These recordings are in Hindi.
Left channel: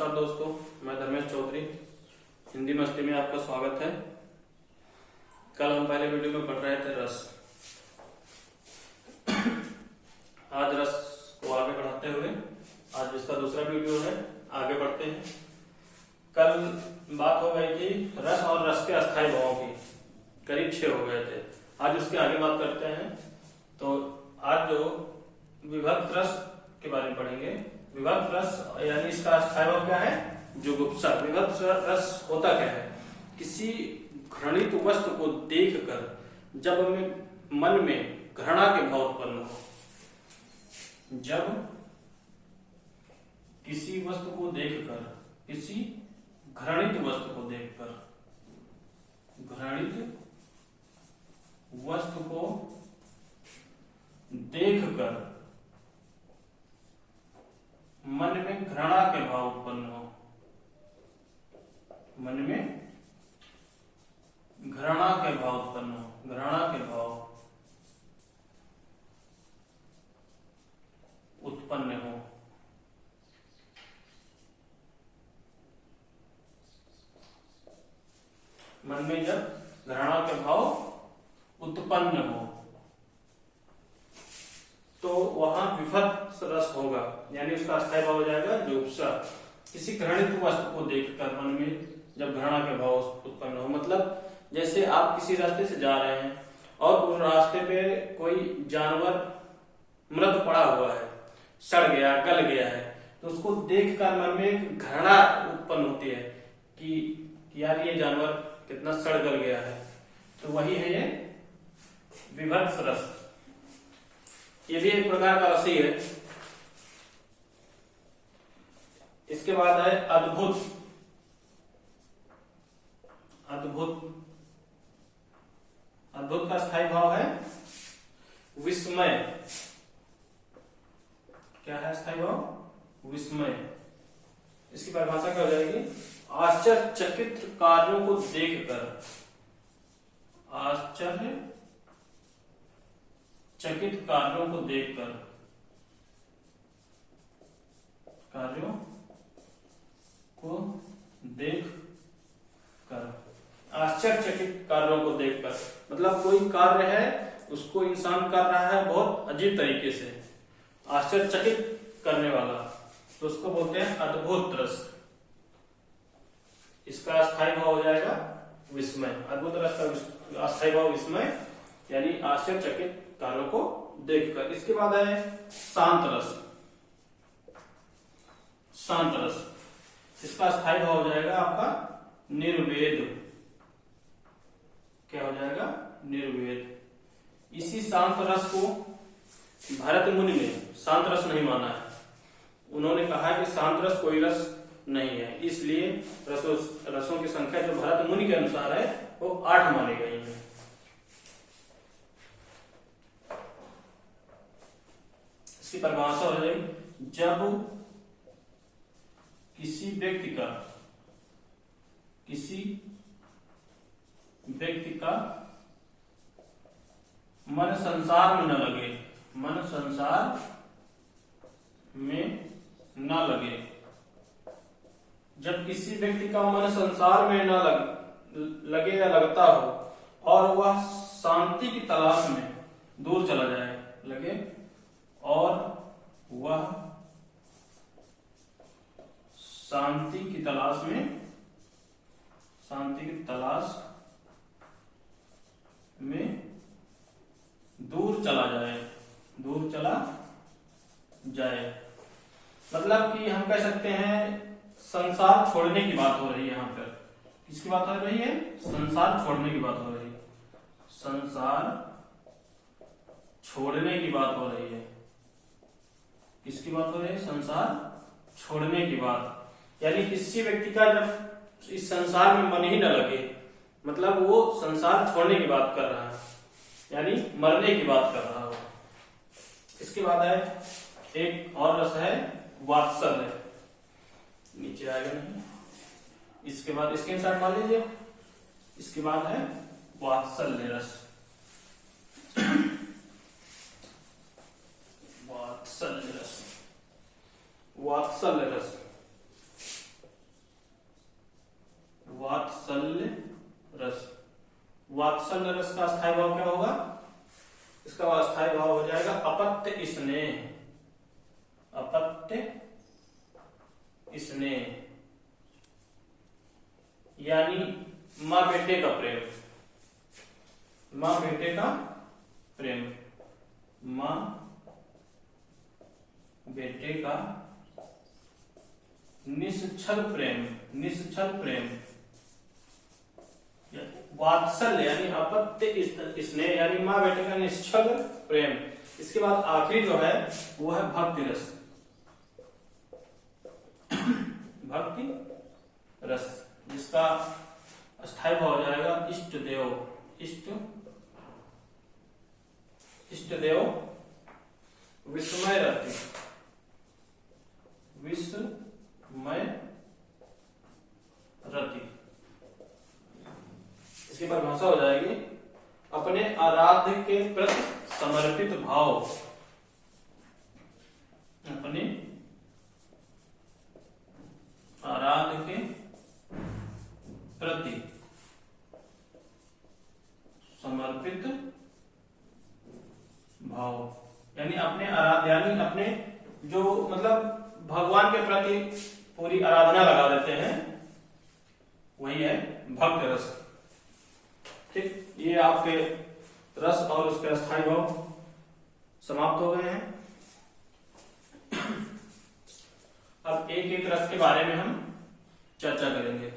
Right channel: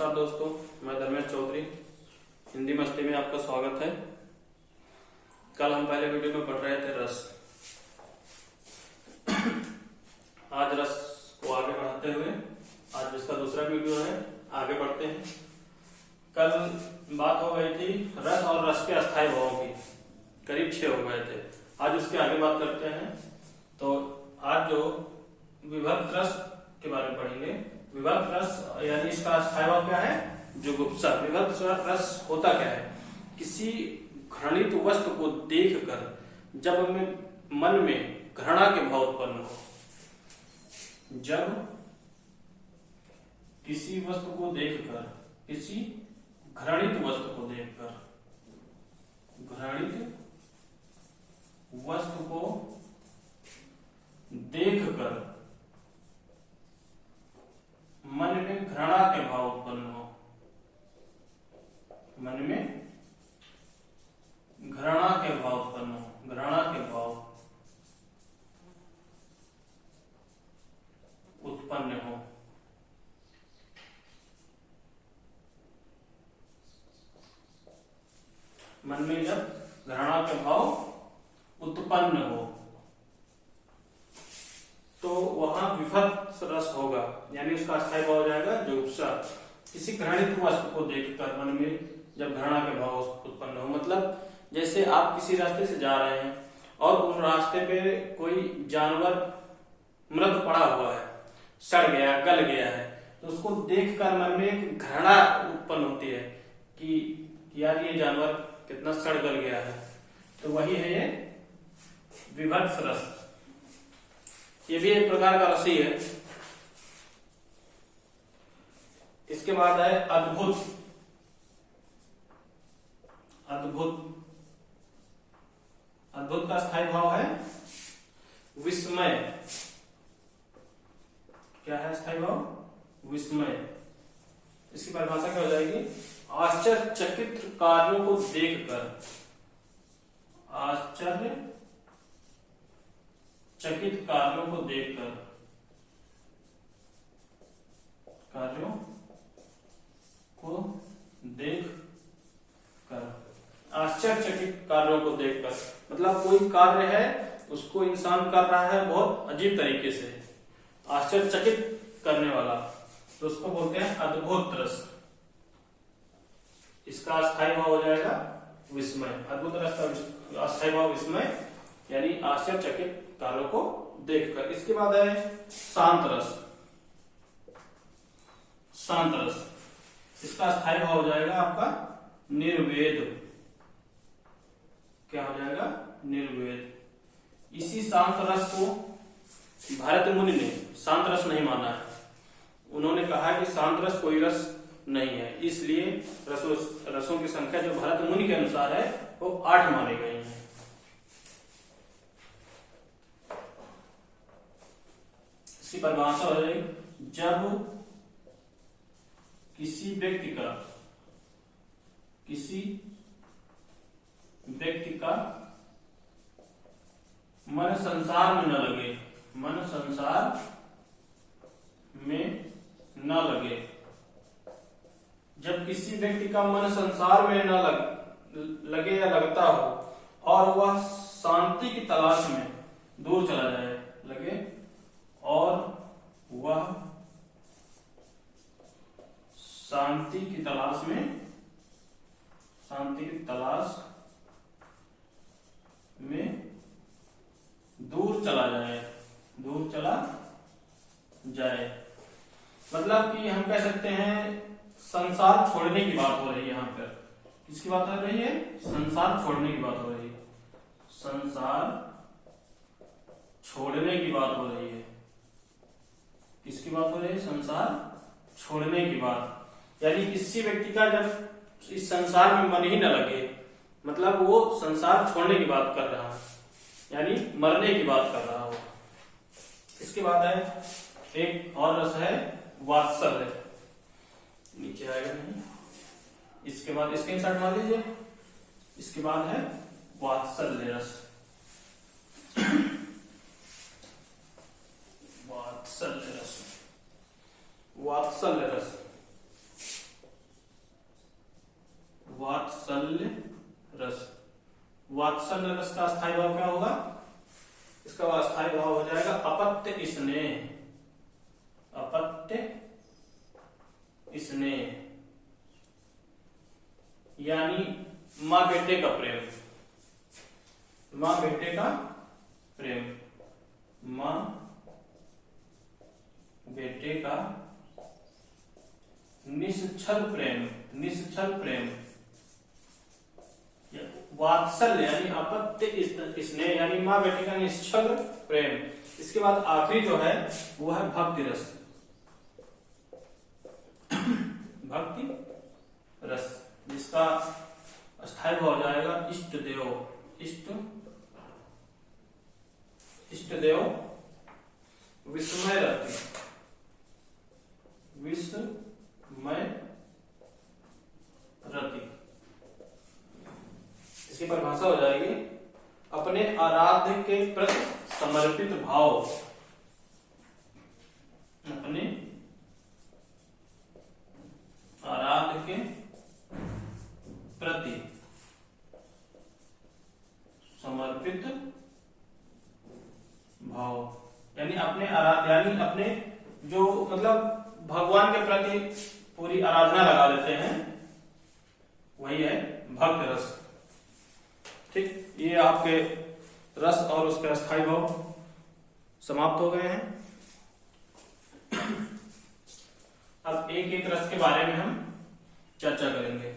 नमस्कार दोस्तों, मैं धर्मेश चौधरी। हिंदी मस्ती में आपका स्वागत है। कल हम पहले वीडियो में पढ़ रहे थे रस। आज रस को आगे बढ़ाते हुए आज इसका दूसरा वीडियो है, आगे बढ़ते हैं। कल बात हो गई थी रस और रस के अस्थायी भावों की, करीब 6 हो गए थे। आज उसके आगे बात करते हैं। तो आज जो विभक्त रस के बारे में पढ़ेंगे। विभक्त रस यानी इसका अस्थायी भाव क्या है? जुगुप्सा। विभक्त रस होता क्या है? किसी घृणित वस्तु को देखकर जब हमें मन में घृणा के भाव उत्पन्न हो, जब किसी वस्तु को देखकर, किसी घृणित वस्तु को देखकर, घृणित वस्तु को देखकर मन में घृणा के भाव उत्पन्न हो, मन में घृणा के भाव उत्पन्न हो, घृणा के भाव उत्पन्न हो। मन में जब घृणा के भाव उत्पन्न हो तो वहां विभक्त रस होगा, यानी उसका अस्थायी भाव हो जाएगा जुगुप्सा। किसी घृणित वस्तु को देखकर मन में जब घृणा के भाव उत्पन्न हो, मतलब जैसे आप किसी रास्ते से जा रहे हैं और उस रास्ते पे कोई जानवर मृत पड़ा हुआ है, सड़ गया, गल गया है, तो उसको देखकर मन में घृणा उत्पन्न होती है कि यार ये जानवर कितना सड़ गल गया है। तो वही है ये विभक्त रस। ये भी एक प्रकार का रस ही है। इसके बाद है अद्भुत। अद्भुत, अद्भुत का स्थायी भाव है विस्मय। क्या है स्थायी भाव? विस्मय। इसकी परिभाषा क्या हो जाएगी? आश्चर्यचकित कार्यों को देखकर, आश्चर्य चकित कार्यों को देखकर, कार्यों को देखकर, आश्चर्यचकित कार्यों को देखकर, मतलब कोई कार्य है उसको इंसान कर रहा है बहुत अजीब तरीके से, आश्चर्यचकित करने वाला, तो उसको बोलते हैं अद्भुत रस। इसका अस्थायी भाव हो जाएगा विस्मय। अद्भुत रस का अस्थायी भाव विस्मय, यानी आश्चर्यचकित कार्यों को देखकर। इसके बाद है शांत रस। शांत रस, इसका स्थायी भाव हो जाएगा आपका निर्वेद। क्या हो जाएगा? निर्वेद। इसी शांत रस को भरत मुनि ने शांत रस नहीं माना है। उन्होंने कहा है कि शांत रस कोई रस नहीं है, इसलिए रसों की संख्या जो भरत मुनि के अनुसार है वो 8 मानी गई है। इसकी परिभाषा हो जाएगी जब किसी व्यक्ति का मन संसार में न लगे, मन संसार में न लगे। जब किसी व्यक्ति का मन संसार में न लगे या लगता हो और वह शांति की तलाश में दूर चला जाए, लगे और वह शांति की तलाश में दूर चला जाए, मतलब कि हम कह सकते हैं संसार छोड़ने की बात हो रही है। यहां पर किसकी बात हो रही है? संसार छोड़ने की बात हो रही है। संसार छोड़ने की बात हो रही है। किसकी बात हो रही है? संसार छोड़ने की बात, यानी किसी व्यक्ति का जब इस संसार में मन ही न लगे, मतलब वो संसार छोड़ने की बात कर रहा है, यानी मरने की बात कर रहा हो। इसके बाद है एक और रस है वात्सल्य। नीचे आएगा नहीं, इसके बाद इसके साइड मान लीजिए। इसके बाद है वात्सल्य रस। वात्सल्य रस, वात्सल्य रस। वात्सल्य रस का अस्थायी भाव क्या होगा? इसका अस्थायी भाव हो जाएगा अपत्य स्नेह, अपत्य स्नेह, यानी माँ बेटे का प्रेम, माँ बेटे का प्रेम, माँ बेटे का निश्चल प्रेम, निश्चल प्रेम, वात्सल्य यानी अपत्य स्नेह यानी माँ बेटे का निश्चल प्रेम। इसके बाद आखिरी जो है वो है भक्ति रस, भक्ति रस, जिसका अस्थायी भाव हो जाएगा इष्ट देव, इष्ट देव विस्मय रति, विस्मय रति। इसकी परिभाषा हो जाएगी अपने आराध्य के प्रति समर्पित भाव, अपने आराध्य के प्रति समर्पित भाव, यानी अपने आराध्य यानी अपने जो मतलब भगवान के प्रति पूरी आराधना लगा देते हैं, वही है भक्त रस। ठीक, ये आपके रस और उसके अस्थायी भाव समाप्त हो गए हैं। अब एक एक रस के बारे में हम चर्चा करेंगे।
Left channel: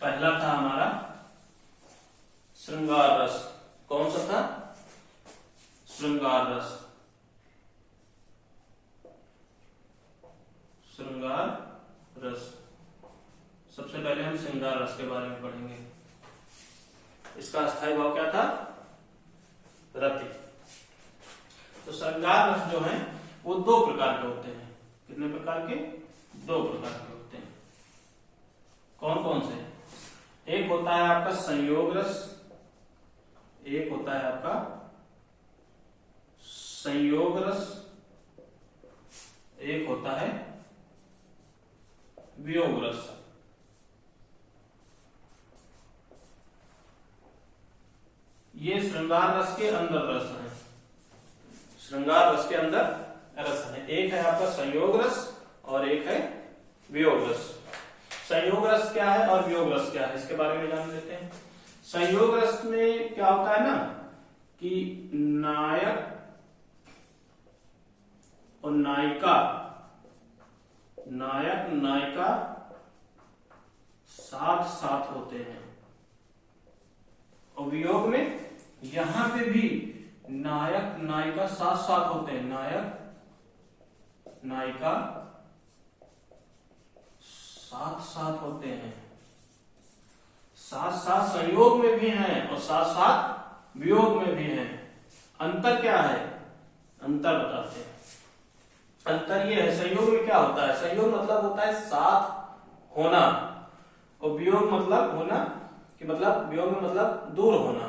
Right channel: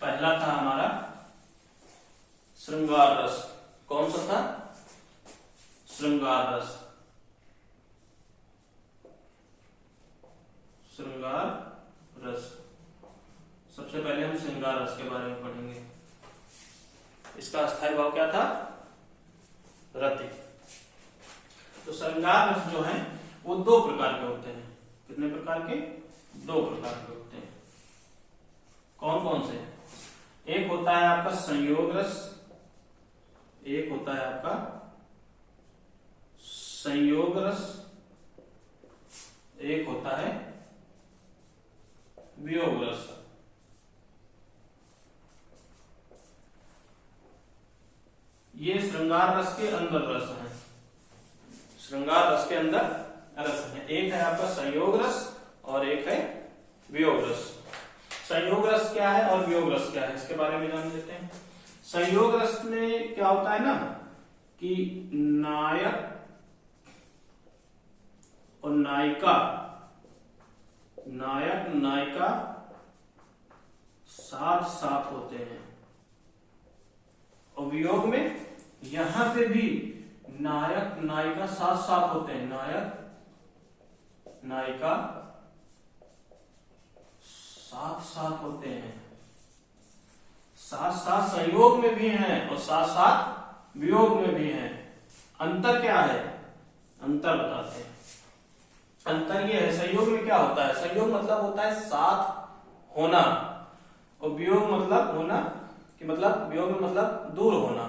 पहला था हमारा श्रृंगार रस। कौन सा था? श्रृंगार रस। श्रृंगार रस, सबसे पहले हम श्रृंगार रस के बारे में पढ़ेंगे। इसका अस्थायी भाव क्या था? रति। तो श्रृंगार रस जो है वो दो प्रकार के होते हैं। कितने प्रकार के? दो प्रकार के होते हैं। कौन कौन से? एक होता है आपका संयोग रस, एक होता है आपका संयोग रस, एक होता है वियोग रस। ये श्रृंगार रस के अंदर रस है, श्रृंगार रस के अंदर रस है। एक है आपका संयोग रस और एक है वियोग रस। संयोग रस क्या है और वियोग रस क्या है, इसके बारे में जान लेते हैं। संयोग रस में क्या होता है ना कि नायक और नायिका, नायक नायिका साथ साथ होते हैं, और वियोग में यहां पे भी नायक नायिका साथ साथ होते हैं, नायक नायिका साथ साथ होते हैं, साथ साथ संयोग में भी हैं और साथ साथ वियोग में भी हैं। अंतर क्या है? अंतर बताते हैं। अंतर ये है, संयोग में क्या होता है? संयोग मतलब होता है साथ होना, और वियोग मतलब होना कि मतलब वियोग में मतलब दूर होना।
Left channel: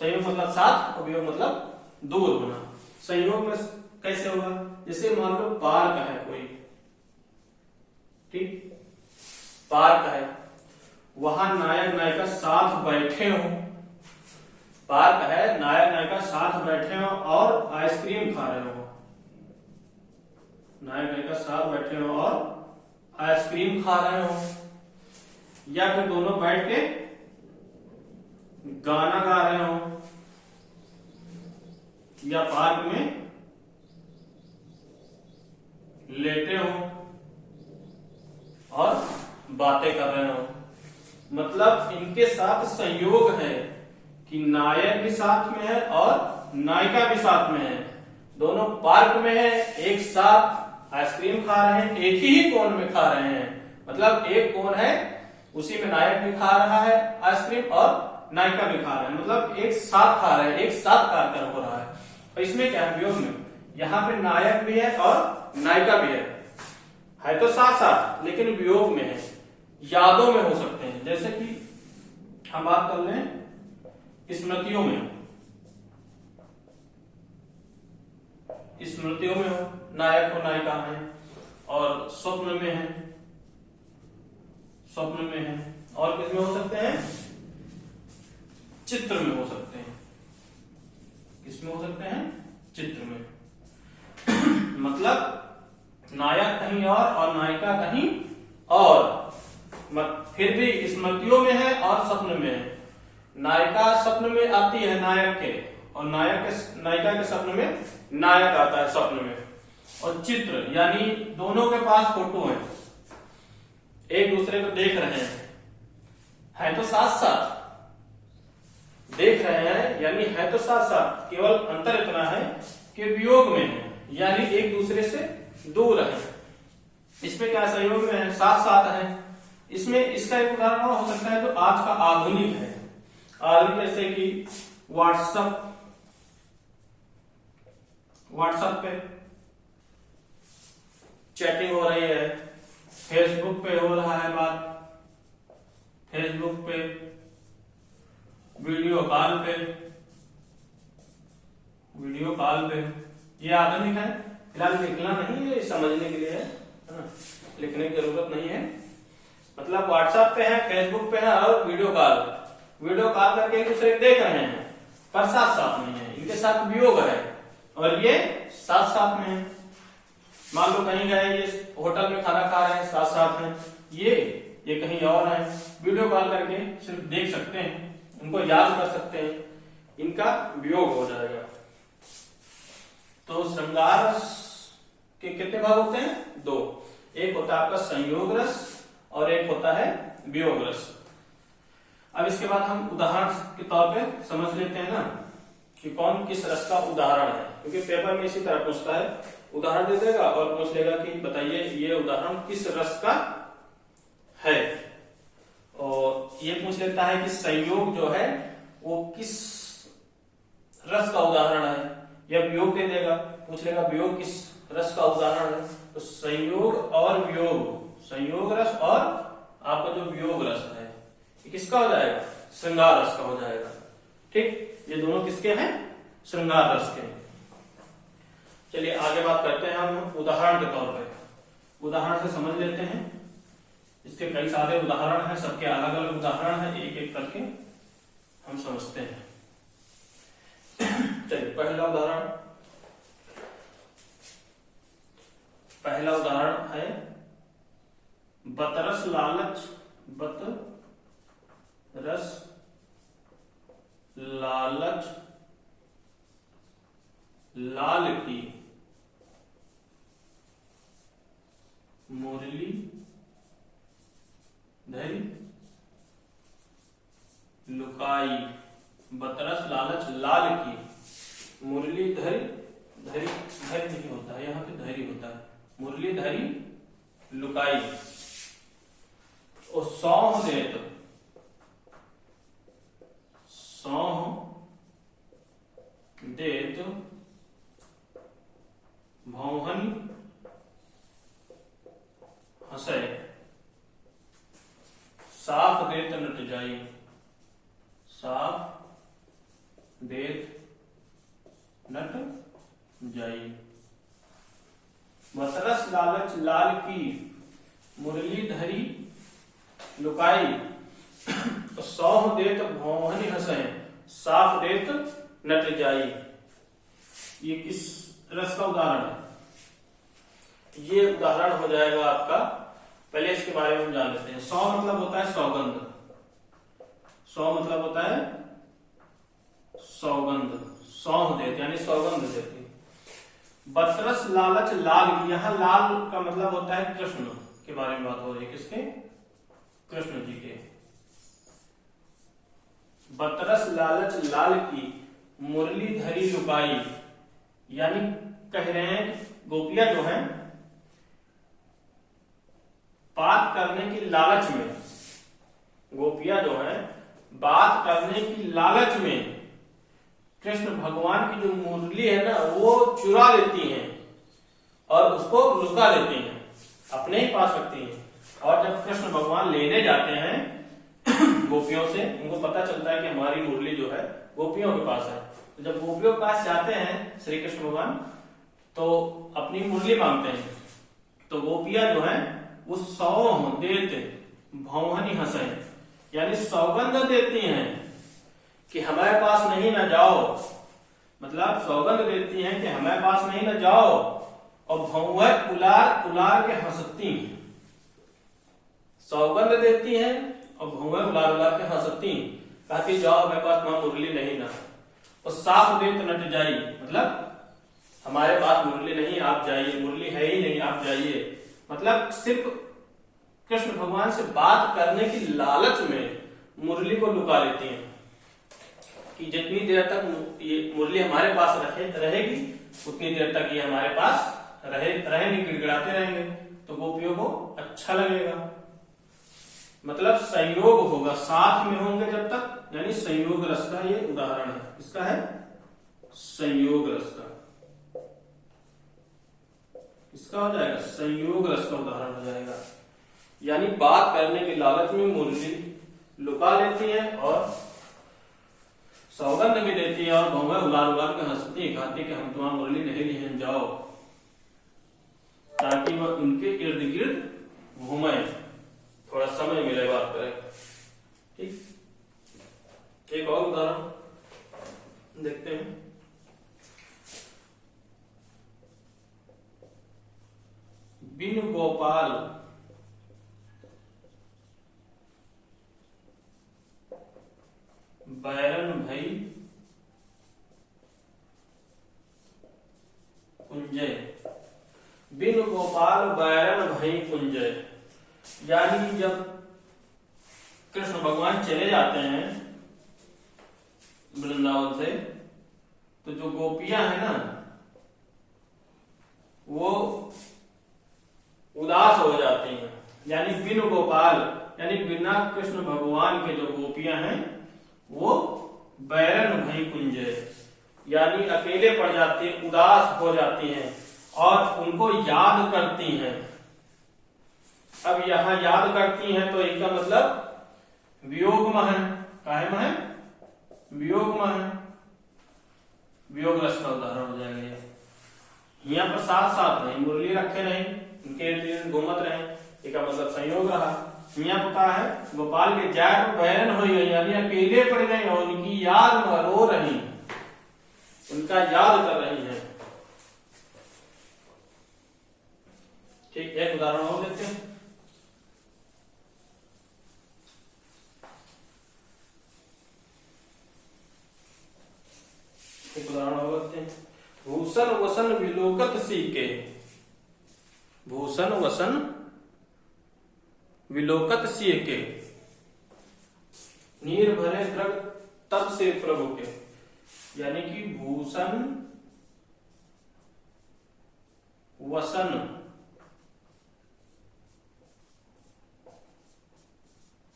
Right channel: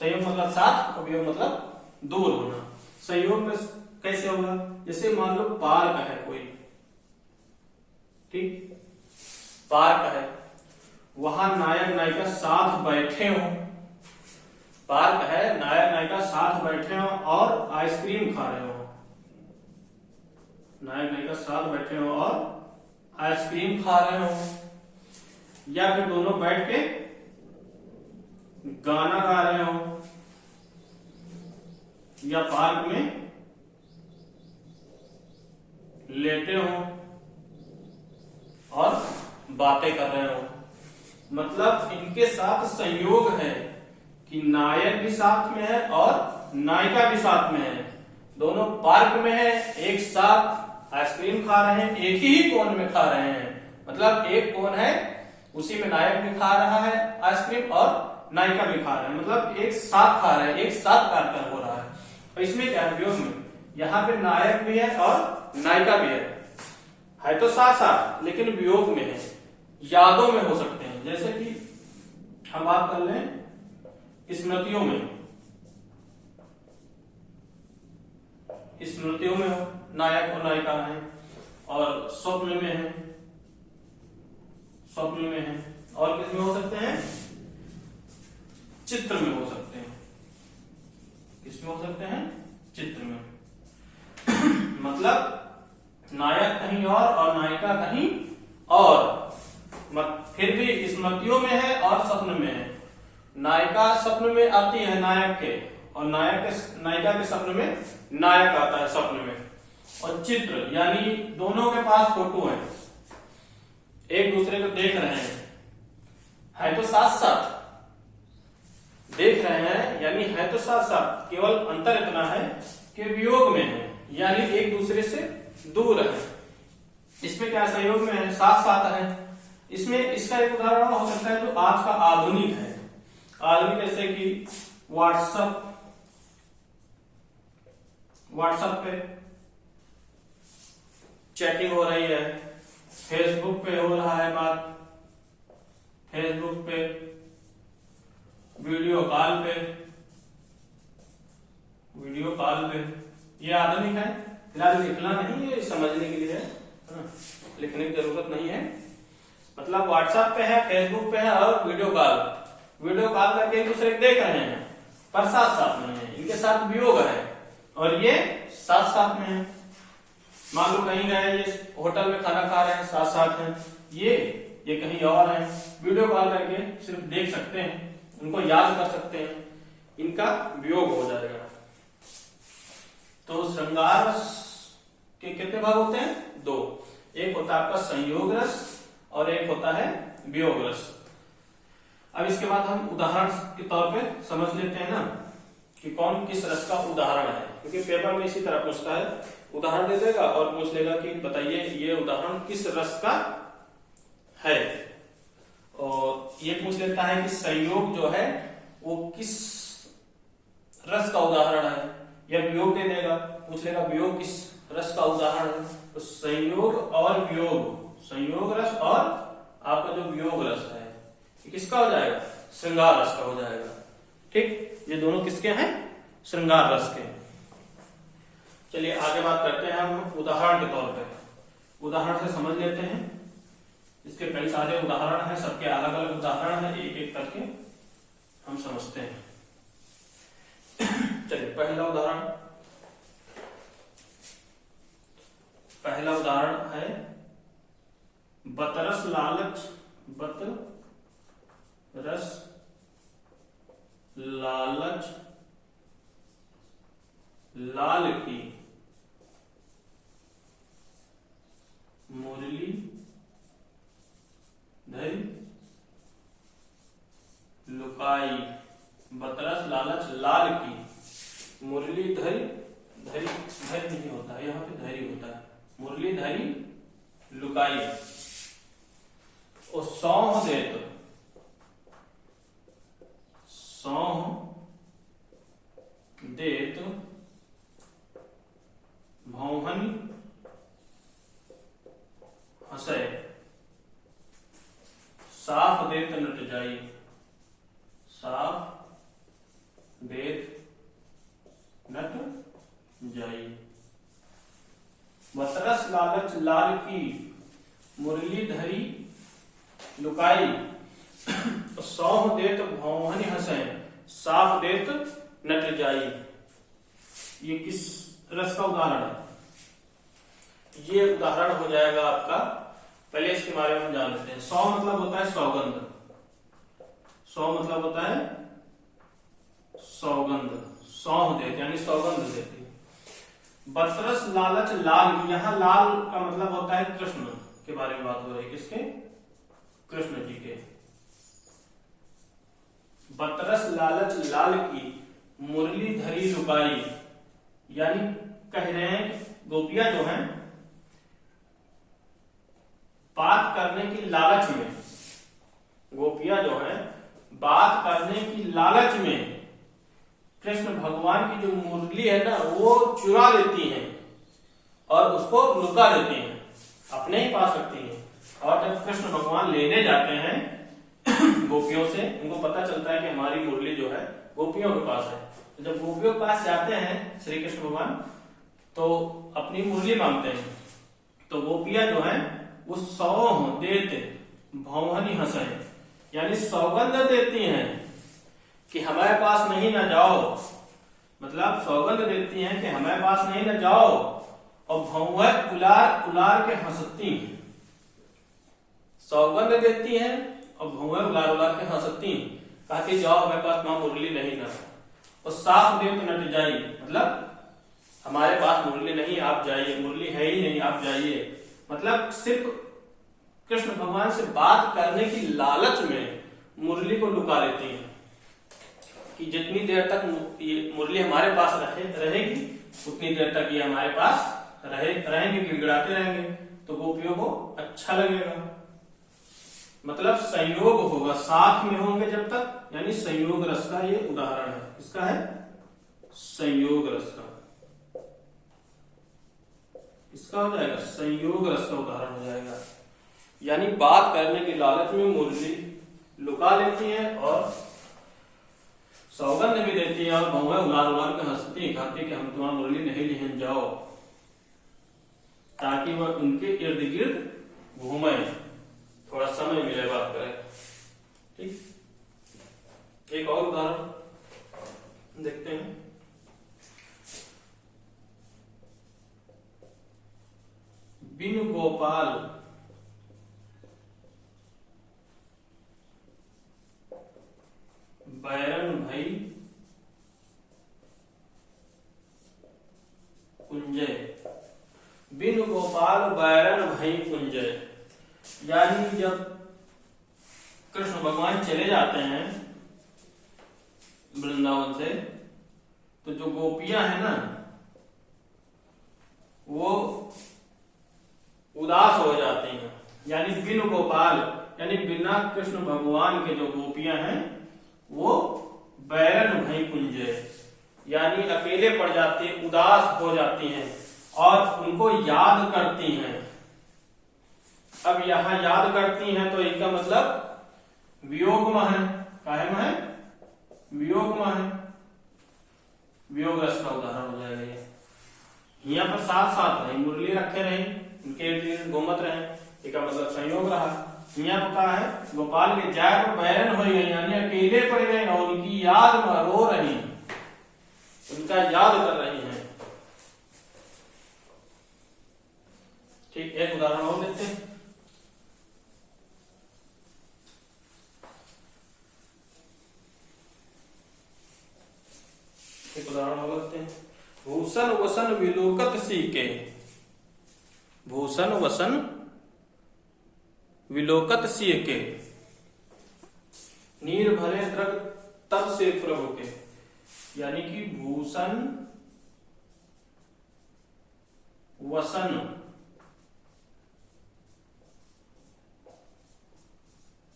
संयोग मतलब साथ और वियोग मतलब दूर होना। संयोग में कैसे होगा? जैसे मान लो पार्क है कोई, ठीक, पार्क है, वहां नायक नायिका साथ बैठे हो। पार्क है, नायक नायिका साथ बैठे हो और आइसक्रीम खा रहे हो। नायक नायिका साथ बैठे हो और आइसक्रीम खा रहे हो, या फिर दोनों बैठ के गाना गा रहे हो, या पार्क में लेटे हो और बातें कर रहे हो। मतलब इनके साथ संयोग है कि नायक भी साथ में है और नायिका भी साथ में है। दोनों पार्क में है, एक साथ आइसक्रीम खा रहे हैं, एक ही कोन में खा रहे हैं। मतलब एक कोन है, उसी में नायक भी खा रहा है आइसक्रीम और नायिका भी खा रहा है, मतलब एक साथ खा रहे हैं, एक साथ कार्यक्रम हो रहा है। और इसमें क्या है? वियोग में यहाँ पे नायक भी है और नायिका भी है तो साथ साथ, लेकिन वियोग में है, यादों में हो सकते हैं। जैसे कि हम बात कर लें स्मृतियों में, स्मृतियों में हो नायक और नायिका है, और स्वप्न में है, स्वप्न में है। और किस में हो सकते हैं? चित्र में हो सकते हैं। किसमें हो सकते हैं? चित्र में। मतलब नायक कहीं और नायिका कहीं और, फिर भी स्मृतियों में है और स्वप्न में है। नायिका स्वप्न में आती है नायक के, और नायिका के स्वप्न में नायक आता है स्वप्न में। और चित्र यानी दोनों के पास फोटो है, एक दूसरे को देख रहे हैं तो साथ साथ देख रहे हैं, यानी है तो साथ साथ, केवल अंतर इतना है कि वियोग में है, यानी एक दूसरे से दूर है। इसमें क्या सहयोग में है? साथ साथ है। इसमें इसका एक उदाहरण हो सकता है जो आज का आधुनिक है। आधुनिक जैसे कि व्हाट्सएप पे चैटिंग हो रही है, फेसबुक पे हो रहा है बात, फेसबुक पे, वीडियो कॉल पे, ये आधुनिक है। फिलहाल लिखना नहीं है, समझने के लिए है, लिखने की जरूरत नहीं है। मतलब व्हाट्सएप पे है, फेसबुक पे है और वीडियो कॉल करके एक दूसरे को देख रहे हैं, पर साथ साथ में है, इनके साथ वियोग है और ये साथ साथ में है। मान लो कहीं गए, ये होटल में खाना खा रहे हैं, साथ साथ हैं, ये कहीं और है, वीडियो कॉल करके सिर्फ देख सकते हैं, उनको याद कर सकते हैं, इनका वियोग हो जाएगा। तो श्रृंगार रस के कितने भाग होते हैं? 2। एक होता है आपका संयोग रस और एक होता है वियोग रस। अब इसके बाद हम उदाहरण के तौर पे समझ लेते हैं ना कि कौन किस रस का उदाहरण है, क्योंकि पेपर में इसी तरह पूछता है, उदाहरण दे देगा और पूछ लेगा कि बताइए ये उदाहरण किस रस का है। और ये पूछ लेता है कि संयोग जो है वो किस रस का उदाहरण है, या वियोग दे देगा, पूछ लेगा वियोग किस रस का उदाहरण है। तो संयोग और वियोग, संयोग रस और आपका जो वियोग रस है, ये किसका हो जाएगा? श्रृंगार रस का हो जाएगा। ठीक, ये दोनों किसके हैं? श्रृंगार रस के। चलिए आगे बात करते हैं हम उदाहरण के तौर पे। उदाहरण से समझ लेते हैं, इसके कई सारे उदाहरण हैं, सबके अलग अलग उदाहरण हैं, एक एक करके हम समझते हैं। चलिए पहला उदाहरण है बतरस लालच लाल की मुरली धरी लुकाई। बतरस लालच लाल की मुरली धरी नहीं होता है, यहाँ पे धरी होता है, मुरली धरी लुकाई। और सौंह देत भौहन हंसे। साफ देत नट जाई, साफ देत नट जाई। बतरस लालच लाल की मुरली धरी लुकाई। तो सौह देत भौहन हंसे, साफ देत नट जाई। ये किस रस का उदाहरण है? ये उदाहरण हो जाएगा आपका, पहले इसके बारे में हम जान लेते हैं। सौ मतलब होता है सौगंध, सौ मतलब होता है सौगंध, सौह देते यानी सौगंध देते। बतरस लालच लाल की, यहां लाल का मतलब होता है कृष्ण के बारे में बात हो रही है, किसके? कृष्ण जी के। बतरस लालच लाल की मुरली धरी लुकाई, यानी कह रहे हैं गोपियां जो हैं बात करने की लालच में, गोपियां जो हैं बात करने की लालच में कृष्ण भगवान की जो मुरली है ना वो चुरा लेती हैं और उसको लुका देती हैं, अपने ही पास रखती हैं। और जब कृष्ण भगवान लेने जाते हैं गोपियों से, उनको पता चलता है कि हमारी मुरली जो है गोपियों के पास है। तो जब गोपियों के पास जाते हैं श्री कृष्ण भगवान तो अपनी मुरली मांगते हैं, तो गोपियां जो है वो सौंह देत भौहनी हंसे, यानी सौगंध देती हैं कि हमारे पास नहीं न जाओ, मतलब सौगंध देती हैं कि हमारे पास नहीं न जाओ, और भौहें उलार उलार के हंसती हैं। सौगंध देती हैं और भौहें उलार उलार के हंसती, कहती जाओ मेरे पास वहां मुरली नहीं ना, और साफ देत नट जाई, मतलब हमारे पास मुरली नहीं, आप जाइए, मुरली है ही नहीं, आप जाइए। मतलब सिर्फ कृष्ण भगवान से बात करने की लालच में मुरली को लुका लेती हैं कि जितनी देर तक ये मुरली हमारे पास रहेगी उतनी देर तक ये हमारे पास रहेंगे, गिड़गिड़ाते रहेंगे, तो गोपियों को अच्छा लगेगा। मतलब संयोग होगा, साथ में होंगे जब तक, यानी संयोग रस का ये उदाहरण है। इसका है संयोग रस का, इसका हो जाएगा संयोग रस का उदाहरण हो जाएगा। यानी बात करने की लालच में मुरली लुका लेती है और सौगंध भी देती है, और भौहें उलार उलार के हंसती, कहती कि हम तुम्हारा मुरली नहीं लिहन जाओ, ताकि वह उनके इर्द गिर्द घूमे, थोड़ा समय मिले बात करें। ठीक, एक और उदाहरण देखते हैं। बिन गोपाल बैरन भई कुंजय, बिन गोपाल बैरन भई कुंजय, यानी जब कृष्ण भगवान चले जाते हैं वृंदावन से, तो जो गोपियां हैं ना वो उदास हो जाती हैं। यानी बिन गोपाल, यानी बिना कृष्ण भगवान के जो गोपियां हैं वो बैरन भई कुंजय, यानी अकेले पड़ जाती है, उदास हो जाती हैं और उनको याद करती हैं। अब यहां याद करती हैं तो इसका मतलब वियोग में है, काहे में है, वियोग में है, वियोग रस का उदाहरण हो जाएगा। यहाँ पर साथ साथ नहीं, मुरली रखे रहे, उनके इर्द गिर्द घूमत रहे, इसका मतलब संयोग रहा। यहाँ पता है गोपाल के जाय पर बैरन हो गई, यानी अकेले पड़ गए और उनकी याद में रो रही, उनका याद कर रही हैं। ठीक, एक उदाहरण और लेते हैं। एक उदाहरण और लेते हैं। भूषण वसन विलोकत सीके, भूषण वसन विलोकत सीके, नीर भरे द्रग तब से प्रभु के, यानी कि भूषण वसन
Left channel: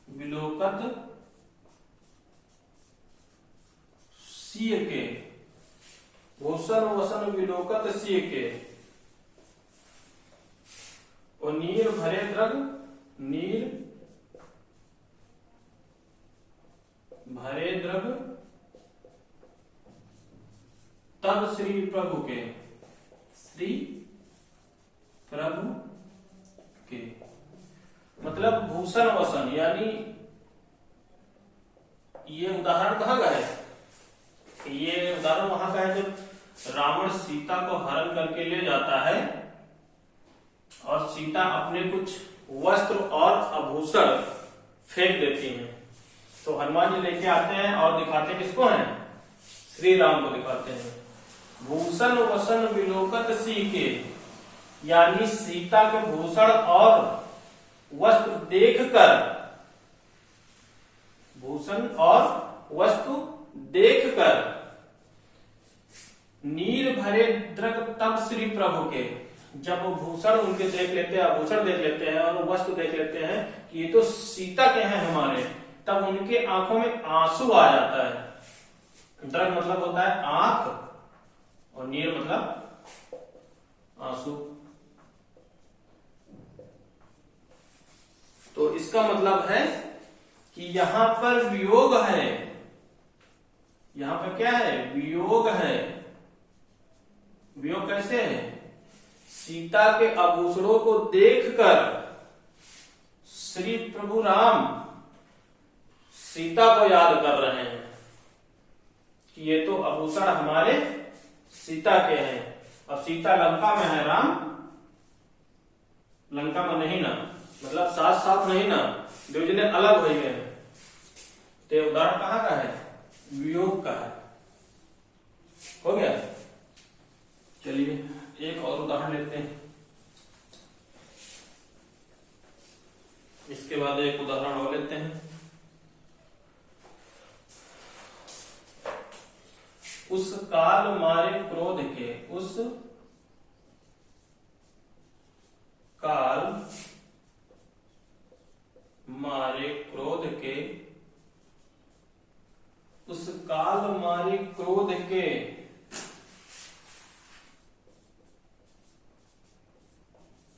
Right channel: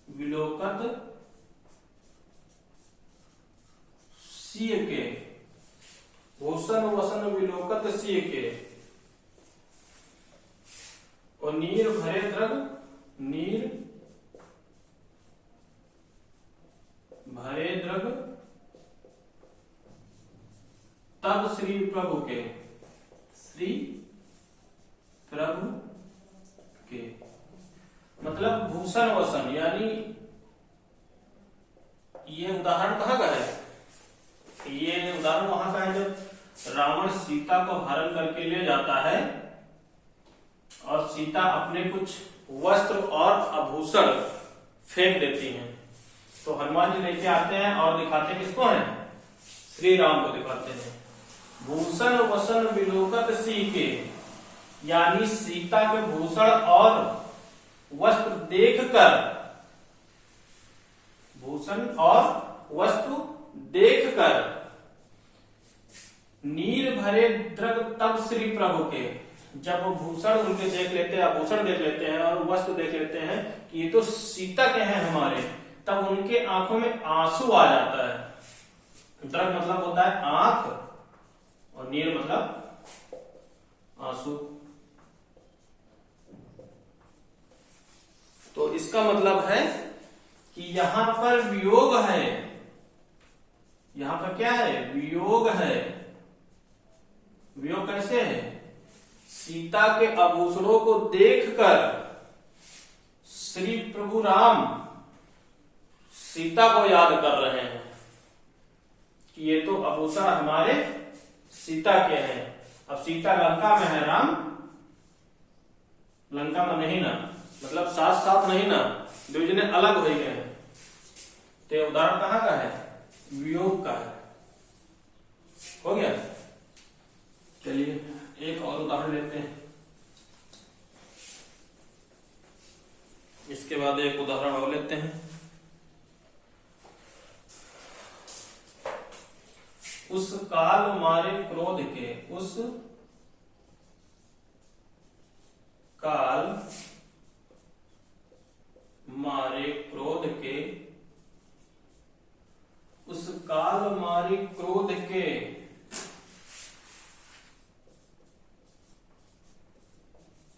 विलोकत सीके, भूषण वसन विलोकत सीके, और नीर भरे द्रग, नीर भरे द्रग तब श्री प्रभु के, श्री प्रभु के, मतलब भूषण वसन, यानी ये उदाहरण कहाँ का है, ये उदाहरण वहां का है जब रावण सीता को हरण करके ले जाता है और सीता अपने कुछ वस्त्र और आभूषण फेंक देती हैं, तो हनुमान जी लेके आते हैं और दिखाते हैं किसको है, श्री राम को दिखाते हैं। भूषण वसन विलोकत सीके, यानी सीता के भूषण और वस्त्र देखकर, भूषण और वस्तु देखकर, नीर भरे द्रग तब श्री प्रभु के, जब वो भूषण उनके देख लेते हैं, आभूषण देख लेते हैं और वस्त्र देख लेते हैं कि ये तो सीता के हैं हमारे, तब उनके आंखों में आंसू आ जाता है। द्रग मतलब होता है आंख और नीर मतलब आंसू। तो इसका मतलब है कि यहां पर वियोग है, यहां पर क्या है, वियोग है। वियोग कैसे है, सीता के आभूषणों को देखकर श्री प्रभु राम सीता को याद कर रहे हैं कि ये तो आभूषण हमारे सीता के हैं। अब सीता लंका में है, राम लंका में नहीं ना, मतलब साथ साथ नहीं ना, दो जने अलग हो गए हैं। तो उदाहरण कहाँ का है? वियोग का है। हो गया। चलिए एक और उदाहरण लेते हैं, इसके बाद एक उदाहरण और लेते हैं। उस काल मारे क्रोध के, उस काल मारे क्रोध के, उस काल मारे क्रोध के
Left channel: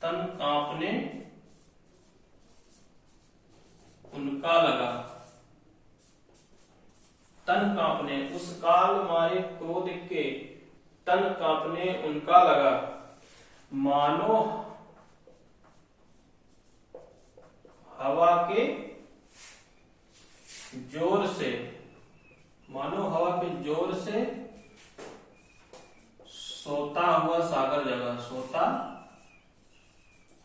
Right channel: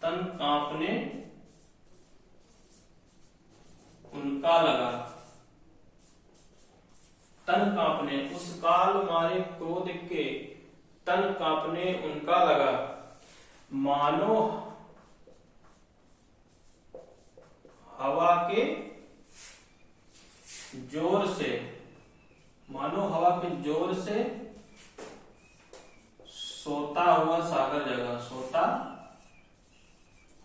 तन कांपने उनका लगा। तन कांपने, उस काल मारे क्रोध के तन कांपने उनका लगा। मानो हवा के जोर से, मानो हवा के जोर से सोता हुआ सागर जगा। सोता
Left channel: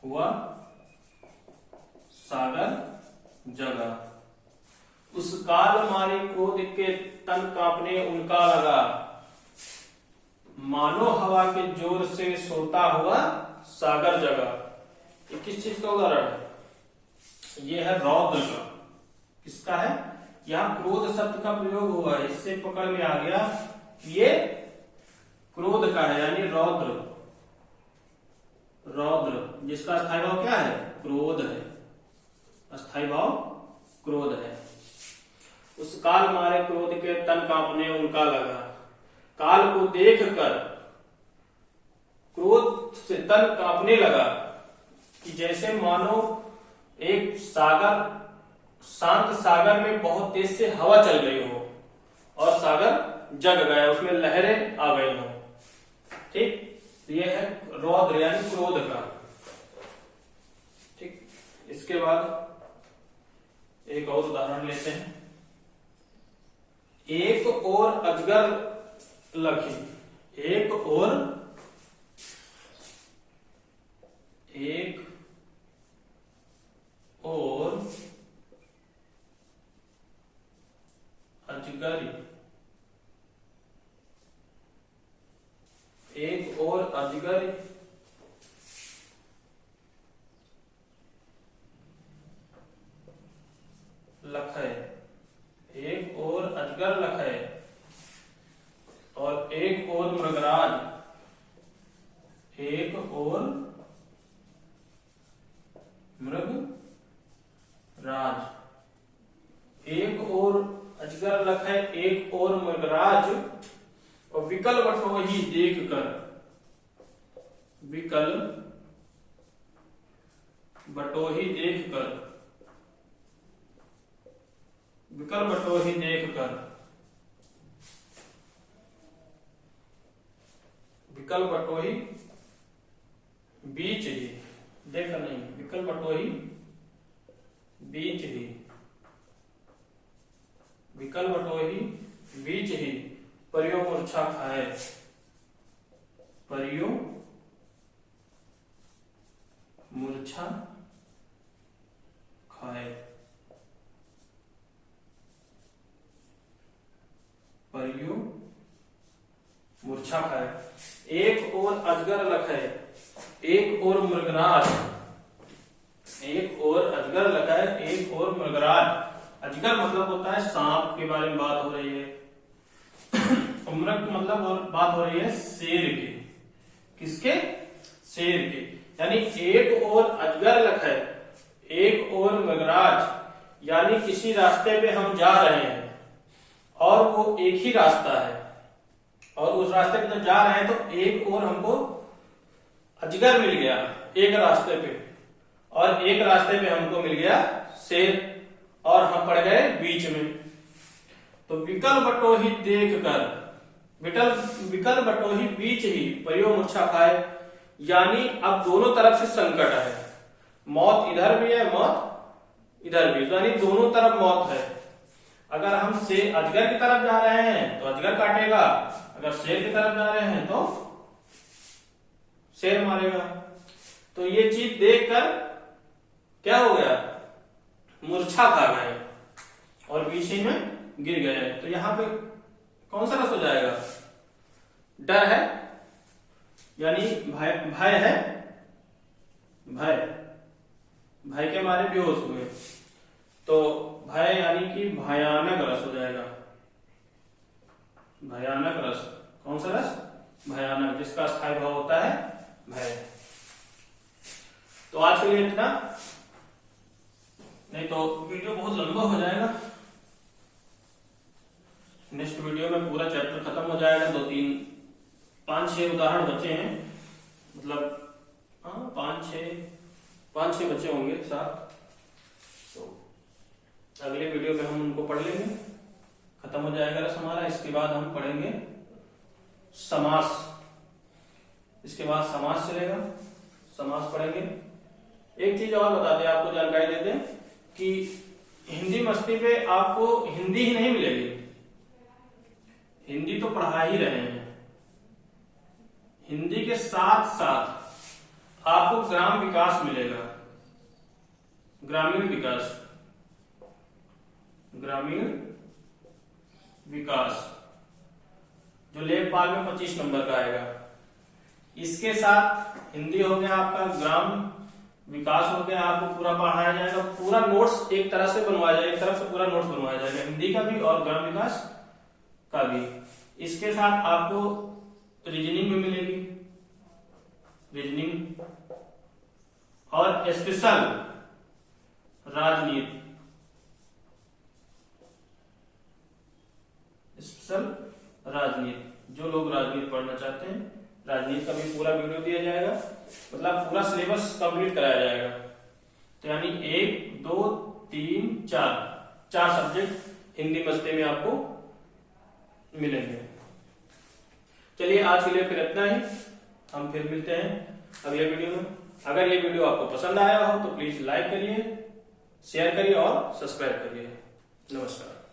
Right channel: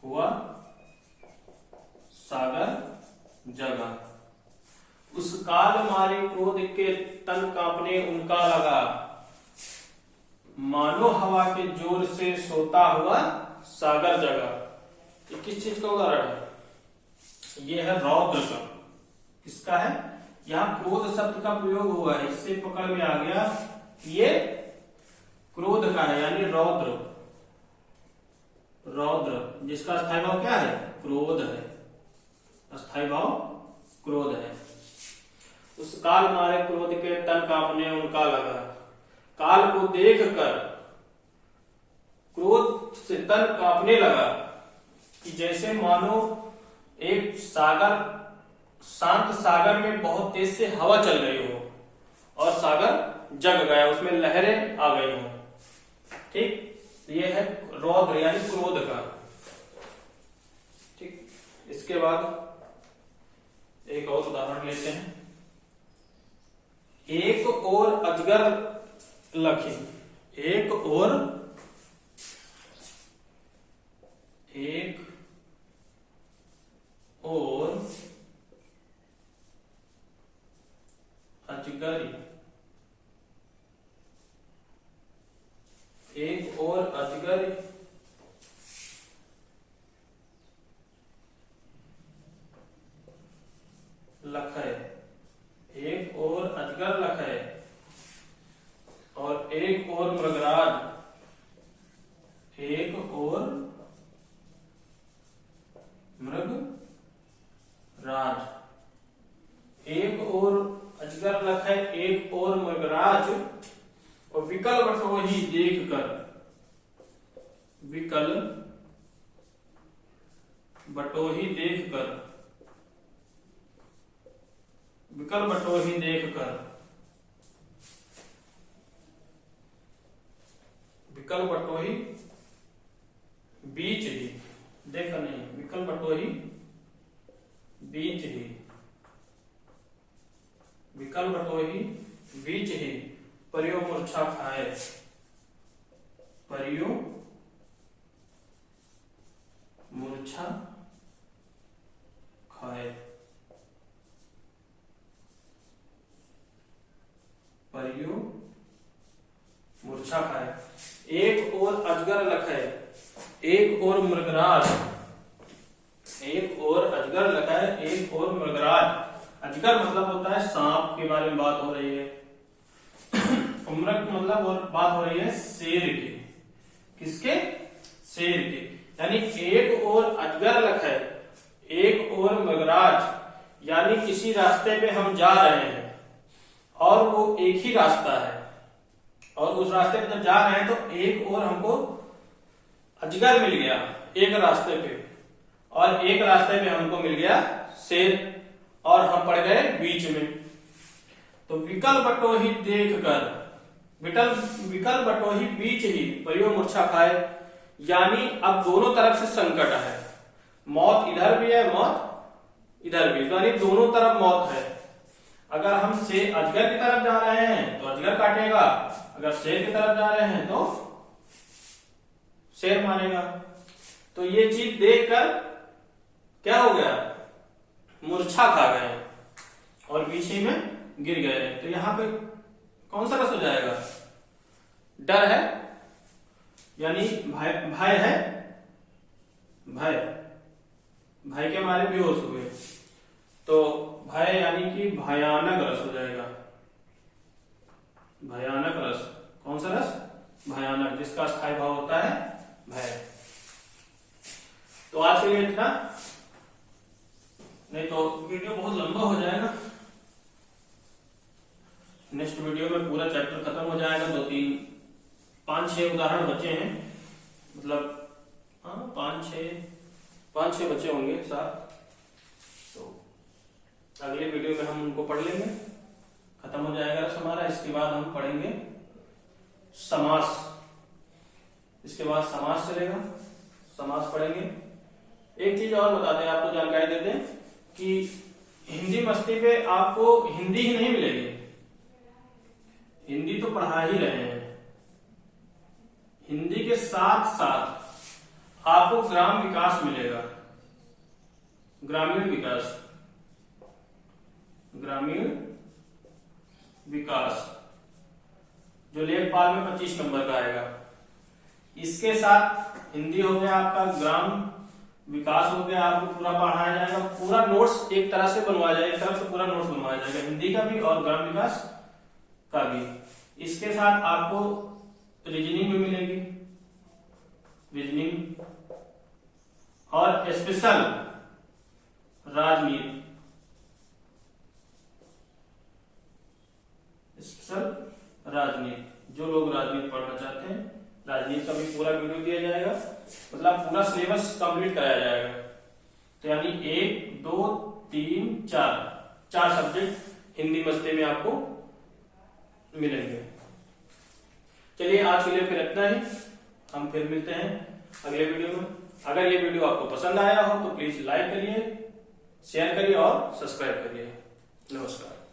हुआ सागर जगा। उस काल मारे क्रोध के तन कांपने उनका लगा। मानो हवा के जोर से सोता हुआ सागर जगा। ये किस चीज का उदाहरण है? ये है रौद्र का। किसका है? यहां क्रोध शब्द का प्रयोग हुआ है, इससे पकड़ में आ गया ये क्रोध का है, यानी रौद्र। रौद्र जिसका स्थायी भाव क्या है? क्रोध है। स्थायी भाव क्रोध है। उस काल मारे क्रोध के तन कांपने उनका लगा। काल को देखकर क्रोध से तन कांपने लगा कि जैसे मानो एक सागर, शांत सागर में बहुत तेज से हवा चल गई हो और सागर जग गया, उसमें लहरें आ गई हो। ठीक, ये है रौद्र यानी क्रोध का। ठीक, इसके बाद एक और उदाहरण लेते हैं। एक और अजगर लखी, एक और अजगरी, एक और अजगर लखै, एक और अजगर लखै और एक और मृगराज, एक और मृगराज, एक और अजगर लखै एक और मृगराज और विकल बटोही देख कर, विकल बटोही देख कर, विकल बटोही देख कर, विकल बटोही बीच ही, देखा नहीं, विकल बटोही बीच ही, विकल बटोही बीच ही परियो मूर्छा खाए, परियो मूर्छा खाए, परियो मूर्छा खाए। एक और अजगर लखै, एक और मृगराज, एक और अजगर लखै एक और मृगराज। अजगर मतलब होता है सांप के बारे में बात हो रही है, मृग मतलब और बात हो रही है शेर की। किसके? शेर की। यानी एक और अजगर लखै एक और मृगराज, यानी किसी रास्ते पे हम जा रहे हैं और वो एक ही रास्ता है और उस रास्ते पे जब जा रहे हैं तो एक और हमको अजगर मिल गया एक रास्ते पे और एक रास्ते पे हमको मिल गया शेर और हम पड़ गए बीच में। तो विकल बटोही देख कर, विकल बटोही बीच ही परियो मूर्छा खाए, यानी अब दोनों तरफ से संकट है, मौत इधर भी है मौत इधर भी, यानी दोनों तरफ मौत है। अगर हम अजगर की तरफ जा रहे हैं तो अजगर काटेगा, अगर शेर की तरफ जा रहे हैं तो शेर मारेगा। तो ये चीज देखकर क्या हो गया, मूर्छा खा गए और बीच ही में गिर गए। तो यहां पे कौन सा रस हो जाएगा, डर है यानी भय है, भय के मारे बेहोश हुए, तो भय यानी कि भयानक रस हो जाएगा। भयानक रस, कौन सा रस, भयानक, जिसका स्थायी भाव होता है भय। तो आज के लिए इतना, नहीं तो वीडियो बहुत लंबा हो जाएगा। नेक्स्ट वीडियो में पूरा चैप्टर खत्म हो जाएगा। 5-6 उदाहरण बचे हैं, मतलब 5-6 बचे होंगे 7। तो अगले वीडियो में हम उनको पढ़ लेंगे, खत्म हो जाएगा रस हमारा। इसके बाद हम पढ़ेंगे समास, इसके बाद समास चलेगा, समास पढ़ेंगे। एक चीज और बता दें, आपको जानकारी दे दें कि हिंदी मस्ती पे आपको हिंदी ही नहीं मिलेगी, हिंदी तो पढ़ा ही रहे हैं, हिंदी के साथ साथ आपको ग्राम विकास मिलेगा, ग्रामीण विकास, ग्रामीण विकास जो लेखपाल में 25 नंबर का आएगा। इसके साथ हिंदी हो गया आपका, ग्राम विकास हो गया, आपको पूरा पढ़ाया जाएगा, पूरा नोट्स एक तरह से बनवाया जाएगा, एक तरफ से पूरा नोट्स बनवाया जाएगा, हिंदी का भी और ग्राम विकास का भी। इसके साथ आपको रीजनिंग भी मिलेगी, रीजनिंग और स्पेशल राजनीति, स्पेशल राजनीति, जो लोग राजनीति पढ़ना चाहते हैं, राजनीति का भी पूरा वीडियो दिया जाएगा, मतलब पूरा सिलेबस कंप्लीट कराया जाएगा। तो यानी 1, 2, 3, 4 सब्जेक्ट हिंदी मस्ती में आपको मिलेंगे। चलिए आज के लिए फिर इतना ही, हम फिर मिलते हैं अगले वीडियो में। अगर ये वीडियो आपको पसंद आया हो तो प्लीज लाइक करिए, शेयर करिए और सब्सक्राइब करिए। नमस्कार।